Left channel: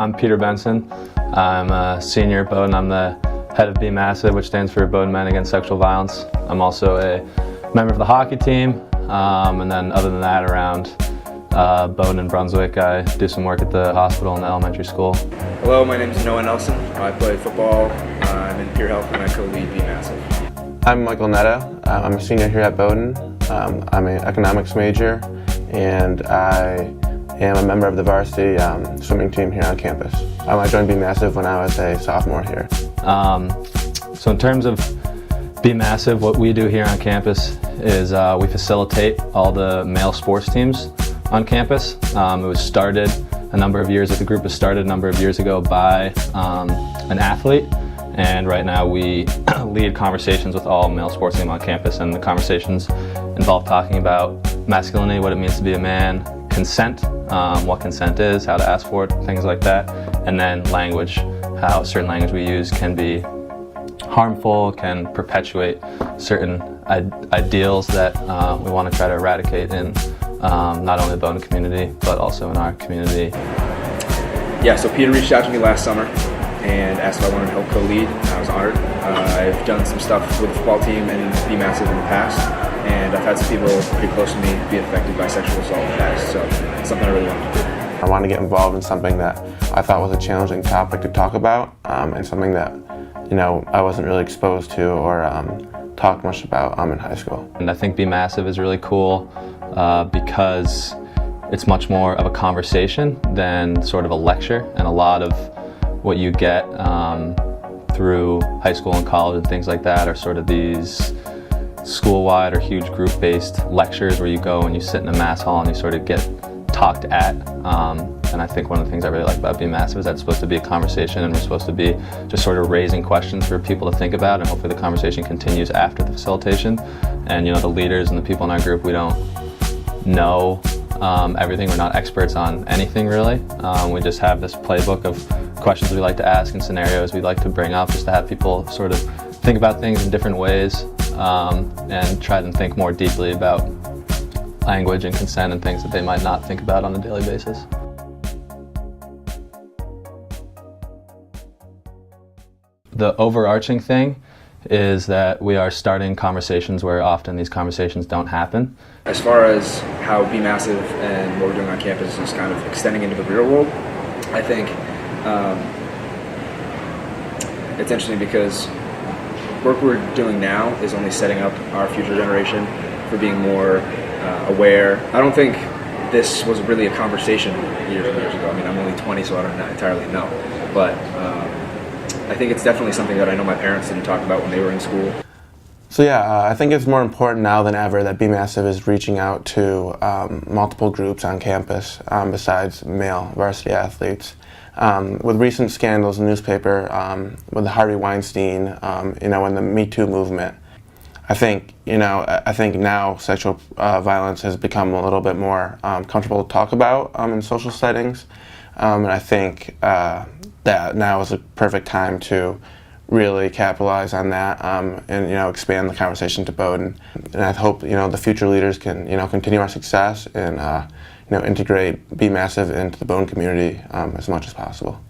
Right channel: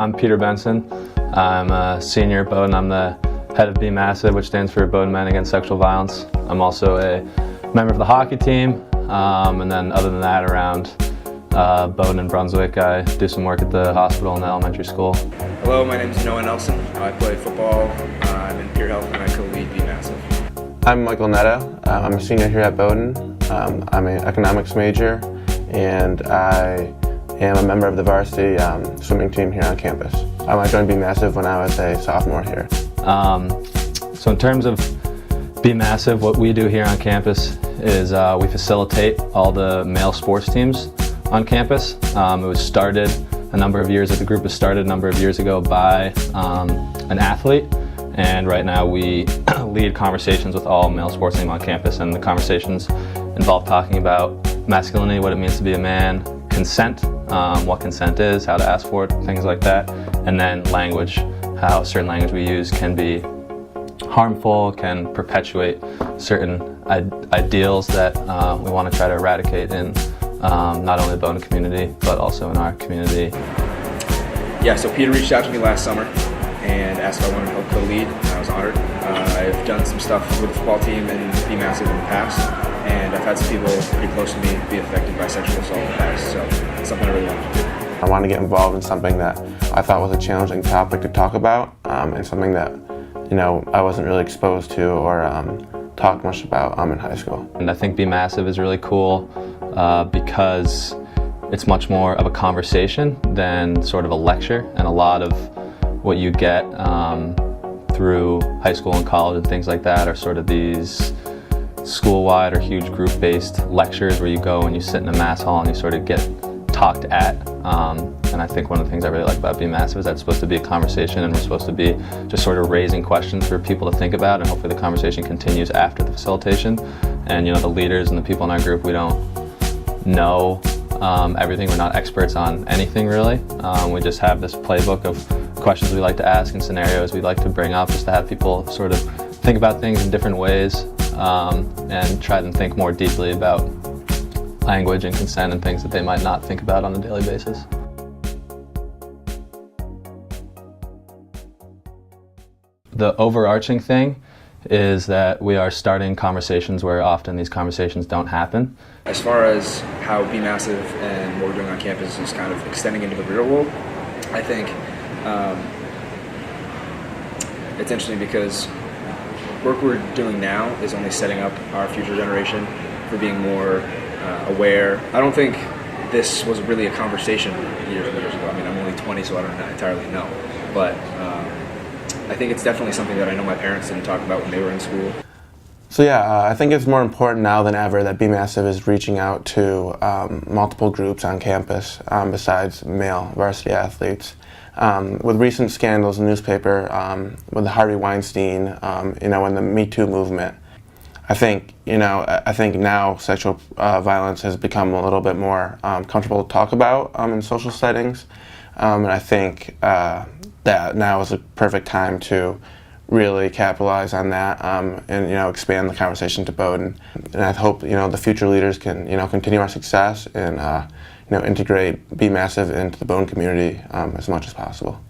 I'm Peter Bensen. I'm a senior at Bowdoin. I'm the head of BMASV, which stands for Bowdoin Men Against Sexual Violence. I'm also a member of the hockey team, and then other than that, around Bowdoin and Brunswick, I do some work at the hospital and the elementary school. Hello, my name is Noah Nelson. I play football. I'm in peer health and I co-lead BMASV. I'm Michael Netto. I'm a senior here at Bowdoin. I'm an economics major, and I am a member of the varsity swimming team here on campus. I joined BMASV when I was a sophomore here. So in terms of BMASV, what we do here on campus is we facilitate all the male sports teams on campus. It was started the group was started a number of years ago by an athlete, and right now we lead conversations with all male sports teams and conversations involve talking about masculinity, what it means to be a man, consent, what consent is, how to ask for it, things like that, and then language, how certain language we use can be harmful, can perpetuate certain ideals that we want to try to eradicate in not only the Bowdoin community, but also in our community. Yeah, so Peter reached out to me last summer and asked if I wanted to come co-lead. I was honored. I've done some stuff with the football team and BMASV in the past, and I've had some people pretty close to me be affected by sexual assault in the past, so it's something I really want to do. I wanted to get involved in something that I thought was a challenging topic to talk about, and something that I wasn't really exposed to or talked much about in high school. And I think BMASV is really cool because it's much more of a conversation than sort of a lecture, and a lot of what you get through high school and college and things like that are sort of these school-wide or huge group-based lectures where you go and you sit in a mass hall and you sort of get talked at. And I think one of the things I really like about BMASV is that it's supposed to be a conversation, and we're supposed to be just sort of raising questions for people to think about, and hopefully the conversation continues after the facilitation. And the leaders and the people in our group, we don't know everything. We're not experts on anything really. We just have this playbook of questions we like to ask and scenarios we'd like to bring up, just to have people sort of think about things in different ways, and try to think more deeply about language and consent and things that they might not think about on a daily basis. The overarching thing is that we are starting conversations where often these conversations don't happen. As far as how BMASV and what we're doing on campus is kind of extending into the real world, I think it's interesting because what we're doing now is only setting up our future generation for being more aware. I don't think this was really a conversation years ago. I mean, I'm only 20, so I don't entirely know. But I think it's definitely something that I know my parents didn't talk about when they were in school. So yeah, I think it's more important now than ever that BMASV is reaching out to multiple groups on campus besides male varsity athletes. With recent scandals in the newspaper, with the Harvey Weinstein, and the Me Too movement, I think now sexual violence has become a little bit more comfortable to talk about in social settings, and I think that now is a perfect time to really capitalize on that and expand the conversation to Bowdoin. And I hope the future leaders can continue our success and integrate BMASV into the Bowdoin community as much as possible.